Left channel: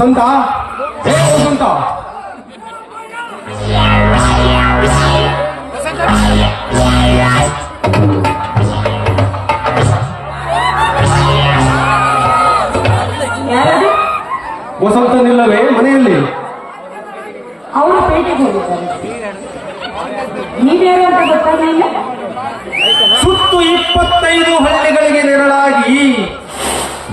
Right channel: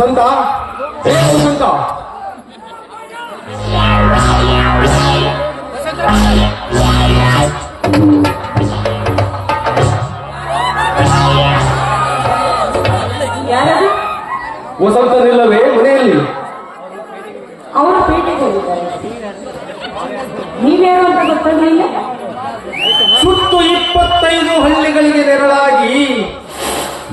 ವಸಂತ ಹೇ ವಸಂತ ವಸಂತನಿಲ್ಲವೇ ಮನೆಯಲ್ಲಿ? ಅವರು ಪೇಟೆಗೆ ಹೋಗಿದ್ದಾರೆ. ನೀವ್ಯಾರು ಅಂತ ಗೊತ್ತಾಗಲಿಲ್ಲ? ಸುತ್ತು ಇಪ್ಪತ್ತೈದು ಹಳ್ಳಿಗಳಿಗೆ ನೆರಳಾಗಿ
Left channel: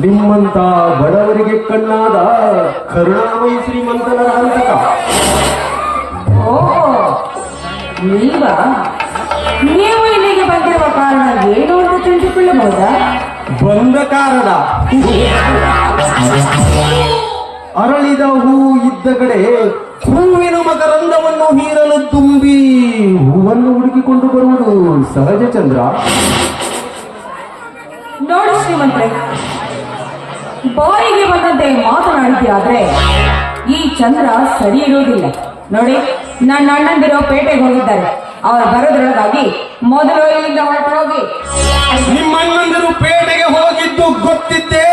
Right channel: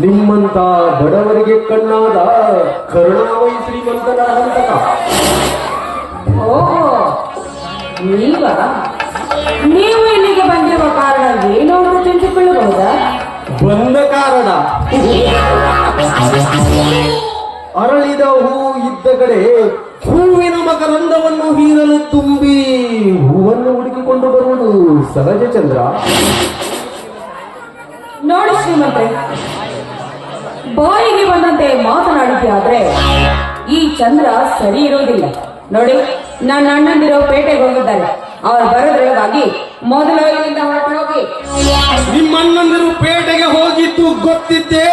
ನಿಮ್ಮಂತ ಬಡವರಿಗೆ ಕಣ್ಣಾದ ಕರುಣಾಮಯಿ ಶ್ರೀಮಂತನ ಹಂತಕ. ಓ ನೀವ? ನೀವು ಇಲ್ಲಿಗೆ ಬಂದಿರುವ ಕಾರಣ ಏನು ಅಂತ ತಿಳಿದುಕೊಳ್ಳಬಹುದಾ? ಬಂದ ಕಾರಣ. ಅರಳಿದ ಹೂ ಇದ್ದ ಕಡೆ ಹೂವಿನ ಮಕರಂದವನ್ನು ಹೀರಲು ತುಂಬಿ ಹೂವನ್ನು ಹುಡುಕಿಕೊಂಡು ಬರುವುದು ಸಹಜ ಚಂದ್ರ. ನೋಡಿ ಶ್ರೀಮಂತ್ರೆ ಬಾಯಿಗೆ ಬಂದಂತೆ ಮಾತನಾಡಿದ್ದೆ ಆದ್ರೆ ಈ ಚಂದ್ರ ಸರಿ ಇರೋದಿಲ್ಲ ನೋಡಿ ನನ್ನ ಅಣ್ಣಂದಿರೋ ಪೇಟೆಗೆ ಹೋಗಿದ್ದಾರೆ. ಅವ್ರು ಬರೋದ್ರೊಳಗಾಗಿ ಮೊದಲು ಹೊರಟೋಗಿ. ನಿಮ್ಮಣ್ಣಂದರು ಪೇಟೆಗೆ ಹೋಗಿದ್ದು ಗೊತ್ತಿದ್ದೆ.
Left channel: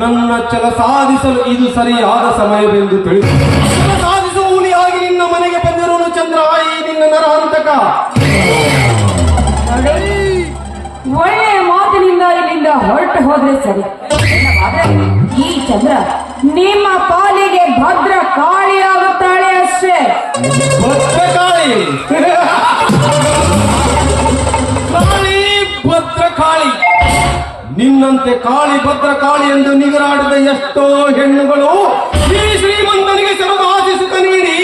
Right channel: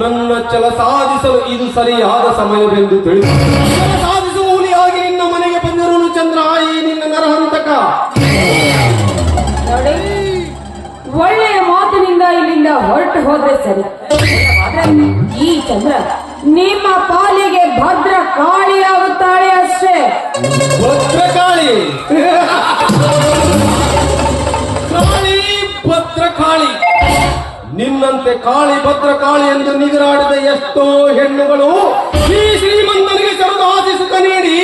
ನನ್ನ ಚಲ ಸಾಧಿಸಲು ಇದು ಸರಿಯಾದ ಸಮಯವೆಂದು ತಿಳಿದು. ನಿನ್ನ ಮನೆಗೆ ಚಂದ್ರ. ನಿನ್ನ ನರಹಂತಕ. ಒಳ್ಳೆಯ ಮಾತಿನಿಂದ ಇಲ್ಲಿಂದ ಹೊರಟು ಹೋದ್ರೆ ಸರಿ. ಈ ಚಂದ್ರ ನಿಮ್ಮ ಪಾಲಿಗೆ ಭದ್ರ ಕಾಳಿಯಾಗುತ್ತಾಳೆ ಅಷ್ಟೇ. ಭದ್ರಕಾಳಿ ಕಾಳಿ. ಭದ್ರಕಾಳಿ ನಿನ್ನಂತೆ ಕಾಳಿ ಭದ್ರಕಾಳಿ ಎಂದು ನಿಗರಾಡಿದ ಎಷ್ಟೋ ಹೆಣ್ಣುಗಳು ಶ್ರೀ ಶ್ರೀಮಂತನಿಗೆ ಸುಖ ನೀಡಿ.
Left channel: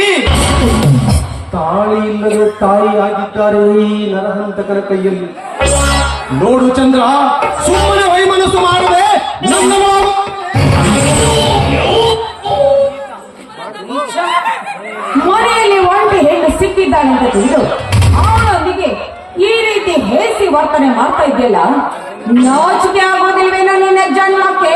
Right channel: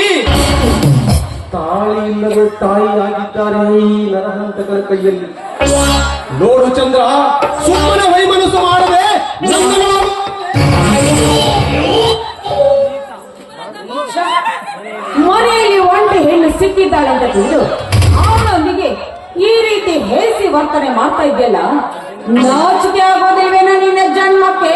ತಾಳಿ ಇಲ್ಲದೆ ತಾಯಿಯಾಗಿದ್ದಾರೆ ಈ ನರಹಂತಕರ ಕೈಯಲ್ಲಿ. ನೋಡು ಚಂದ್ರ, ಸುಮ್ಮನೆ ವೈಮನಸ್ಸು ಮಾಡದೆ ನನ್ನ ಸಿಕ್ಕಿದ್ದಾಳೆ ಅಂತ ತಿಳಿದು ಅವನಿಗೆ ಈ ರೀತಿ ಹೇಸಿ ವರ್ತನೆ ಮಾಡ್ತಾ ಇದೆಯಲ್ಲ ನಾಚಿಕೆ ಆಗೋದಿಲ್ವೇನೋ ನಿನ್ನ ಜನ್ಮಕ್ಕೆ?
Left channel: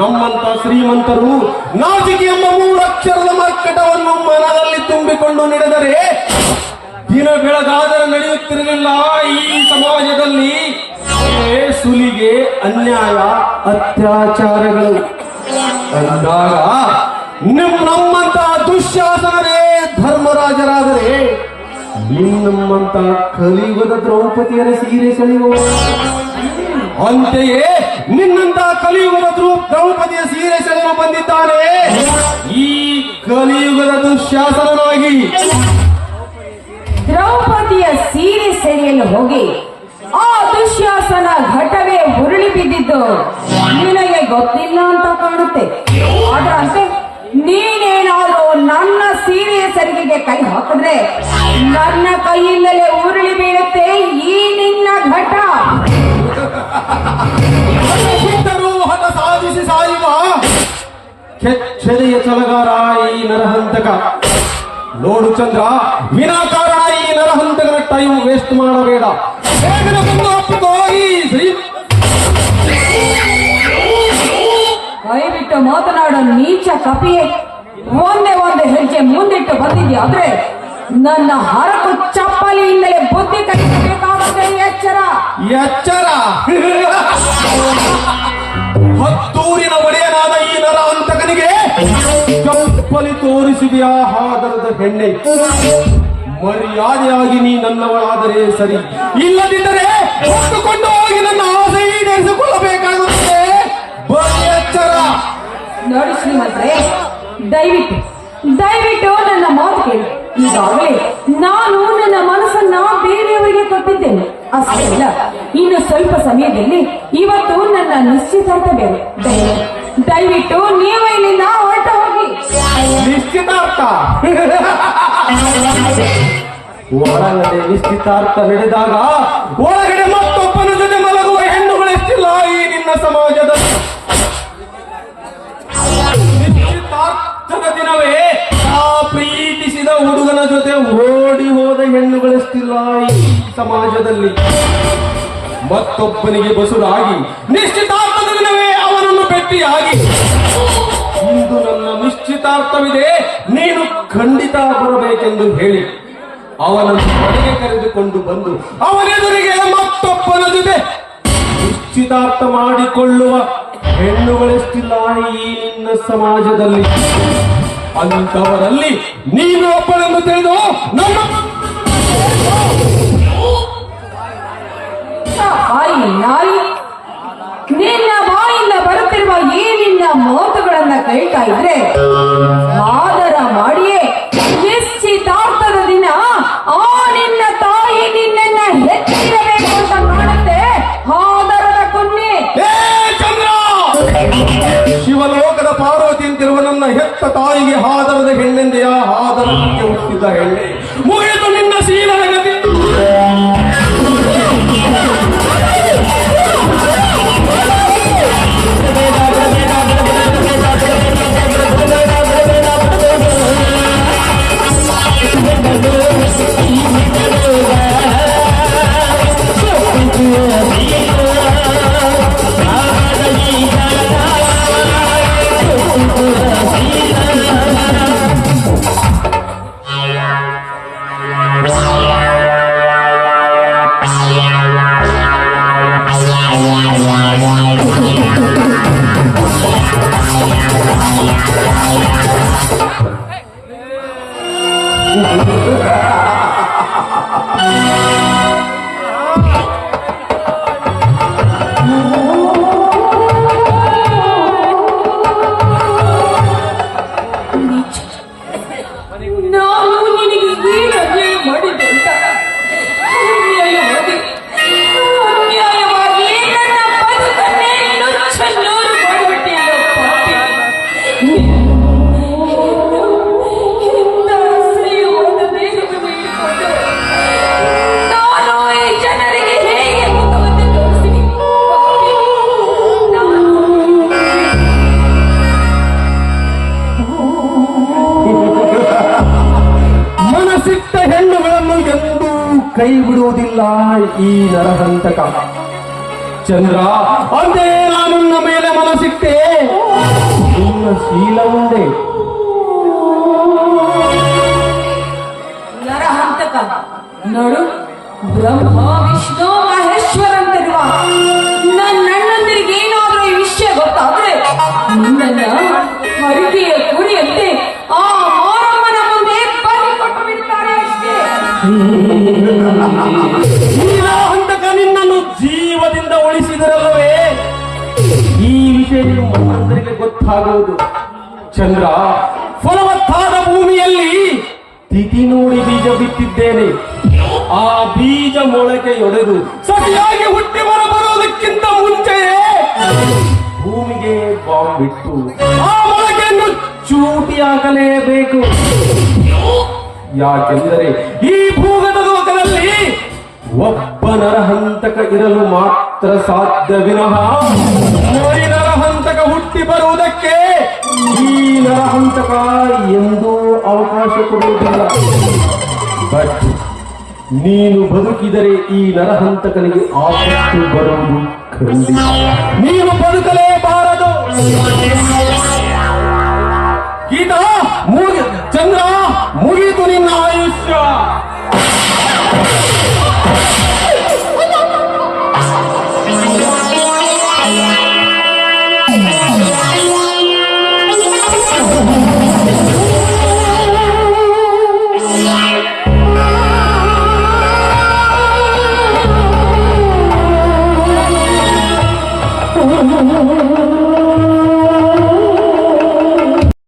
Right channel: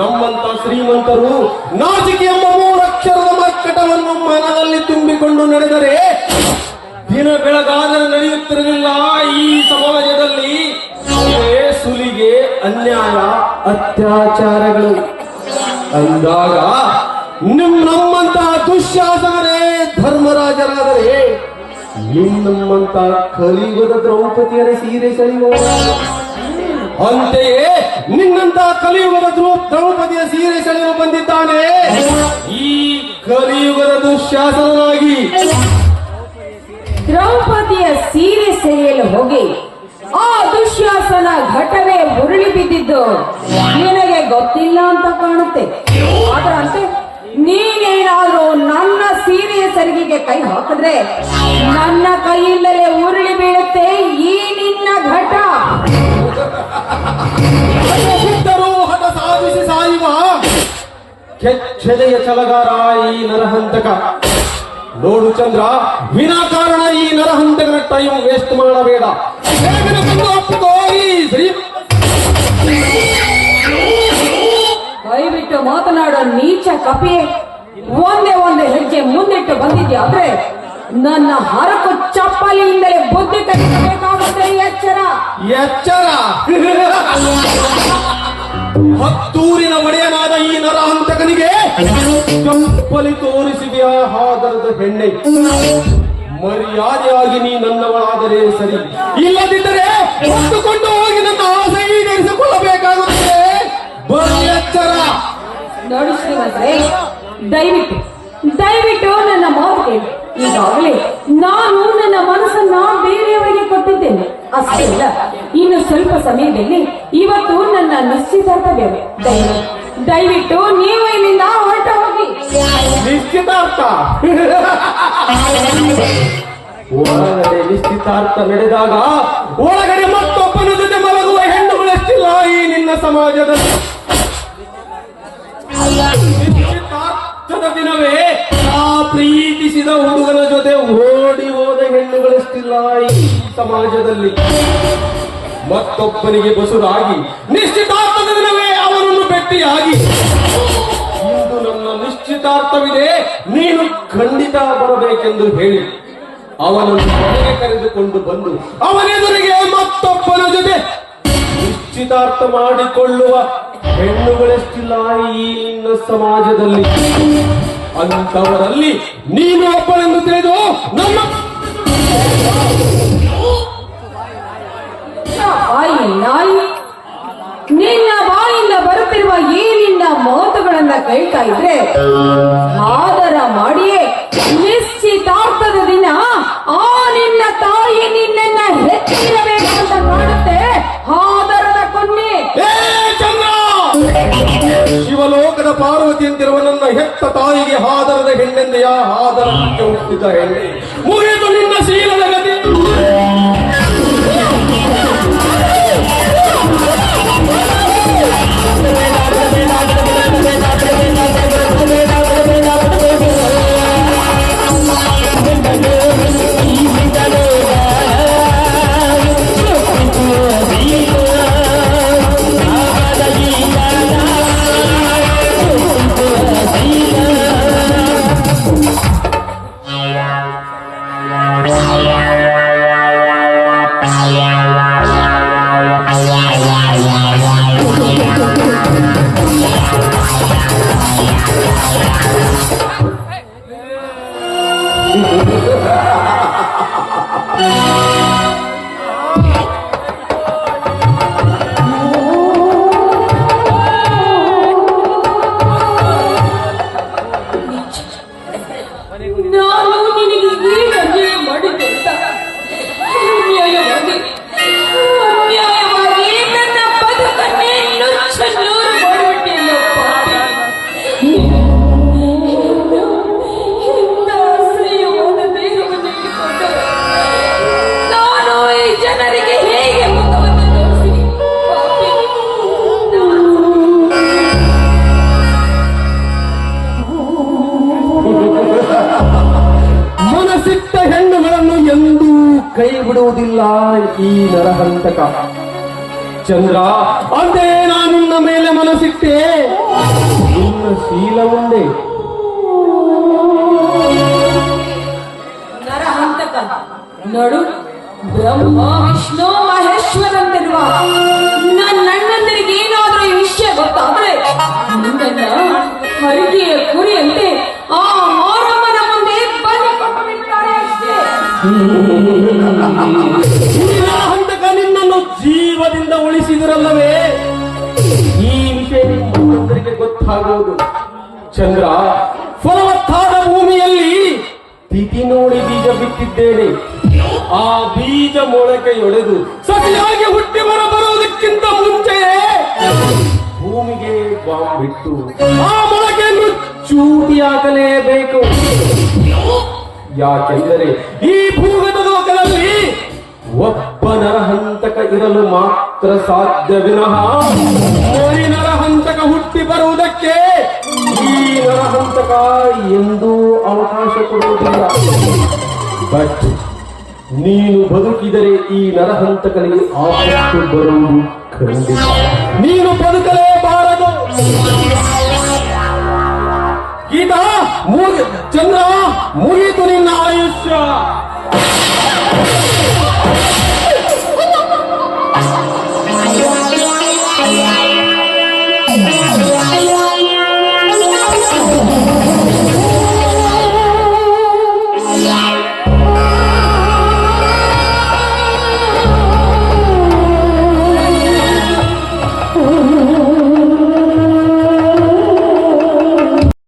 ನಮ್ಮಂತ ಶ್ರೀಮಂತರು ನಾಚಿಕೆ ಎಂಬ ಮೂರಕ್ಷರದ ಮರ್ಕಟವನ್ನು ಮನದಲ್ಲಿ ತುಂಬಿಕೊಂಡು ನಡೆದರೆ, ದಿನ ಬೆಳಗಾದರೆ ನಡೆಯುತ್ತಿರಲಿಲ್ಲ ಈ ಸಮಾಜದಲ್ಲಿ. ಸುಲಿಗೆ ಅನ್ಯಾಯ, ಅತ್ಯಾಚಾರಗಳು. ಅಂದಾಗ ನಿಮ್ ನಮ್ಮಂತ ದುಶ್ಯಾಸನೇ ಧರ್ಮರಾಜರಾದರೆ ನಿಮ್ಮಂತ ಕಲಿಯುಗದ ದ್ರೌಪದಿಯರ ಸೀರೆ ಸೆಳೆಯುವ ಅಂತೆಯೇ ನಿನ್ನಂತ ಕಲಿಯುಗದ ದ್ರೂ- ದ್ರೌಪದಿಯ ಸೀರೆ ಸೆಳೆಯಲು ಬಂದಿದ್ದಾನೆ. ಈ ಕಲಿಯುಗದ ದುಶ್ಯಾಸನನಾಗಿ ದ್ರೌಪದಿಯ ಸೀರೆ ಸೆಳೆಯಲು ಹೋಗಿ ಆ ದುಶ್ಯಾಸನ ಘಟನೆ ಉರುಳಿ ಬಿದ್ದಿದ್ದು ನಿನಗೆ ಗೊತ್ತಿಲ್ಲ ಅಂತ ಕಾಣುತ್ತೆ. ಸರಿಗೆಗೆ ಕೈ ಹಾಕಿದ್ರೆ ನನ್ನ ಕೈಯಿಂದಲೇ ಉರುಳಿ ಬೀಳುತ್ತೆ ಈ ನಿನ್ನ ಘಟ. ಸಾಧಿಸಿ ಸಾಯುವ ಕೆಚ್ಚೆದೆಯ ಚಲಗಾರ ಈ ನರಹಂತಕ. ನೋಡು ಚಂದ್ರ ವಿನಾಕಾರಣ ಈ ನರಹಂತಕರ ಟೈಮ್ ವೇಸ್ಟ್ ಮಾಡಬೇಡ. ಕೈ ಬಿಟ್ಟು ಮಾತನಾಡೋ ನೀಚ ಕಪಿಯೇ. ಒಂದೇ ಒಂದು ಹೆಜ್ಜೆ ಮುಂದಿಟ್ಟು ಬಂದಿದ್ಯಾ ಆದ್ರೆ ನನ್ನ ಹರಕು ಚಪ್ಪಲಿಯಿಂದಲೇ ಬುದ್ಧಿ ಕಲಿಸಬೇಕಾಗುತ್ತೆ ಎಚ್ಚರ. ಎಚ್ಚರ. ಹತ್ತೂರಿನ ಒಡೆಯನಾದ ಈ ನರಹಂತಕನಿಗೆ ಚಪ್ಪಲಿ ತೋರಿಸಿದೆಯಾ ಹಾದರದ ಹೆಣ್ಣೆ. ಮರ್ಯಾದೆಯಾಗಿ ನೀ ನನ್ನವಳಾದರೆ ಸರಿ. ಇಲ್ಲದಿದ್ದರೆ ನನ್ನ ಆಸೆ ಈಡೇರಿಸಿಕೊಳ್ಳಬೇಕಾಗುತ್ತೆ. ಬರೀ ಎಚ್ಚರ. ನೋಡಿ ಶ್ರೀಮಂತರೇ ದಯವಿಟ್ಟು ದಯವಿಟ್ಟು ನನ್ನ ಮಾತು ಕೇಳಿ. ಈಗಾಗಲೇ ನಾನು ನನ್ನ ಮನಸ್ಸನ್ನ ಬೇರೆಯವರಿಗೆ ಕೊಟ್ಟಿದ್ದೇನೆ. ಅಷ್ಟೇ ಇಲ್ಲ ಇನ್ನು ಸ್ವಲ್ಪ ಸಮಯದಲ್ಲಿ ಇವತ್ತು ನನ್ನ ನಿಶ್ಚಿತಾರ್ಥ ಬೇರೆ ದಯವಿಟ್ಟು ನೀವು ಇಲ್ಲಿಂದ ಹೊರಟ ಹೋಗಿ. ನಿಶ್ಚಿತಾರ್ಥ. ನಿಶ್ಚಿತಾರ್ಥ ನಡೆದಾಗ ಒಳಗಡೆ ಹೆಣ್ಣುಗಳೆಷ್ಟಿಲ್ಲ ಈ ಸಮಾಜದಲ್ಲಿ. ಮತ್ತೊಬ್ಬನಿಗೆ ಬಸುರಾಗಿ ನಿಶ್ಚಿತಾರ್ಥದಲ್ಲವೇ ಅವರನ್ನು ಭೇಟಿಯಾಗಿ. ಇಂದು ನನ್ನ ನಿಶ್ಚಿತಾರ್ಥವಿದೆ, ನೀನು ಖಂಡಿತ ಬರಬೇಕೆಂದು ಹೇಳಿ. ಅವನನ್ನು ಮನೆಗೆ ಕರೆದುಕೊಂಡು ಬಂದು, ಅವನೆದುರಿಗೆ ಮತ್ತೊಬ್ಬನ ಜೊತೆ ನಿಶ್ಚಿತಾರ್ಥ ಮಾಡಿಕೊಳ್ಳುವ ಹೆಣ್ಣುಗಳೆಷ್ಟಿಲ್ಲ ಈ ನಿನ್ನ ಸಮಾಜದಲ್ಲಿ. ಅಂತವರಲ್ಲಿ ನೀನು ಒಬ್ಬಳೆಂದು ತಿಳಿದು ನಾಯಿ ನಿನ್ನ ಬಾಯಿಂದ ಬರುತ್ತಿರುವ ಈ ಮಾತುಗಳನ್ನ ಇದ್ರೆ ಆದರ ಆ ನಿನ್ನ ತಾಯಿ ಮಾಡುತ್ತೆ ಆದರದ ಕೊನ್ನೆ! ಶಿವಲೋಕದ ಪಾರ್ವತಿ ಅಂತಿರುವ ನನ್ನ ಹೆತ್ತ ತಾಯಿಗೆ ಹಾದರದ ಹೆಣ್ಣೆಂದೆಯ? ಹೆಣ್ಣೆ. ನರಹಂತಕ ಚಂದ್ರ ಅಂದೇ ನಾನು ನಿನ್ನ ಮೇಲೆ ಮನಸ್ಸಿಟ್ಟೆ ನಿನ್ನ ಶೀಲವೊಂದೇ ನರಹಂತಕ ನೋಡು ಬ್ರಹ್ಮ ವಿಷ್ಣು ಮಹೇಶ್ವರಂತಿರುವ ಚಂದ್ರ, ಫಲವತ್ತಾದ ಭೂಮಿಯಲ್ಲಿ ತಿಥಿ ನೋಡಿ ಬೀಜ ಬಿತ್ತಿದ್ದೇನೆ. ಆ ಬೀಜ ಮೊಳಕೆಯೊಡೆದು ಸರಿಯಾಗಿ ಹುಟ್ಟಿ ಬರಬರುವುದಕ್ಕಿಂತ ಮುಂಚೆಯೇ ಭೂಮಿಗೆ ಬಾಂಬ್ ಬಿಟ್ಟು ಆ ಮೊಳಕೆಯನ್ನು ಚೂಟಿ ಹಾಕಲೇಬೇಕು ಯಾಕೆಂದರೆ ಈ ಭೂಗತ ಲೋಕದಲ್ಲಿ ಒಬ್ಬ ನರಹಂತಕ ಇರಲು ಮಾತ್ರ ಸಾಧ್ಯ ನರಹಂತಕ ಹುಟ್ಟಿ ಈ ನರಹಂತಕ ಎಂದೂ ಅವಕಾಶ ಕೊಡುವುದಿಲ್ಲ. ಬಟ್ ನೀನು ಬದುಕಿದರೆ ಈ ನರಹಂತಕನಿಗೆ ಆಪತ್ತು ಬರುವುದು ಖಂಡಿತ. ನೀನು ಬದುಕಲೇಬಾರದು ಕೀಟ ಮುಗಿ ಚಂದ್ರ ಮುಗಿತು ನಿನ್ನ ಆಯುಷ್ಯ. Yeah.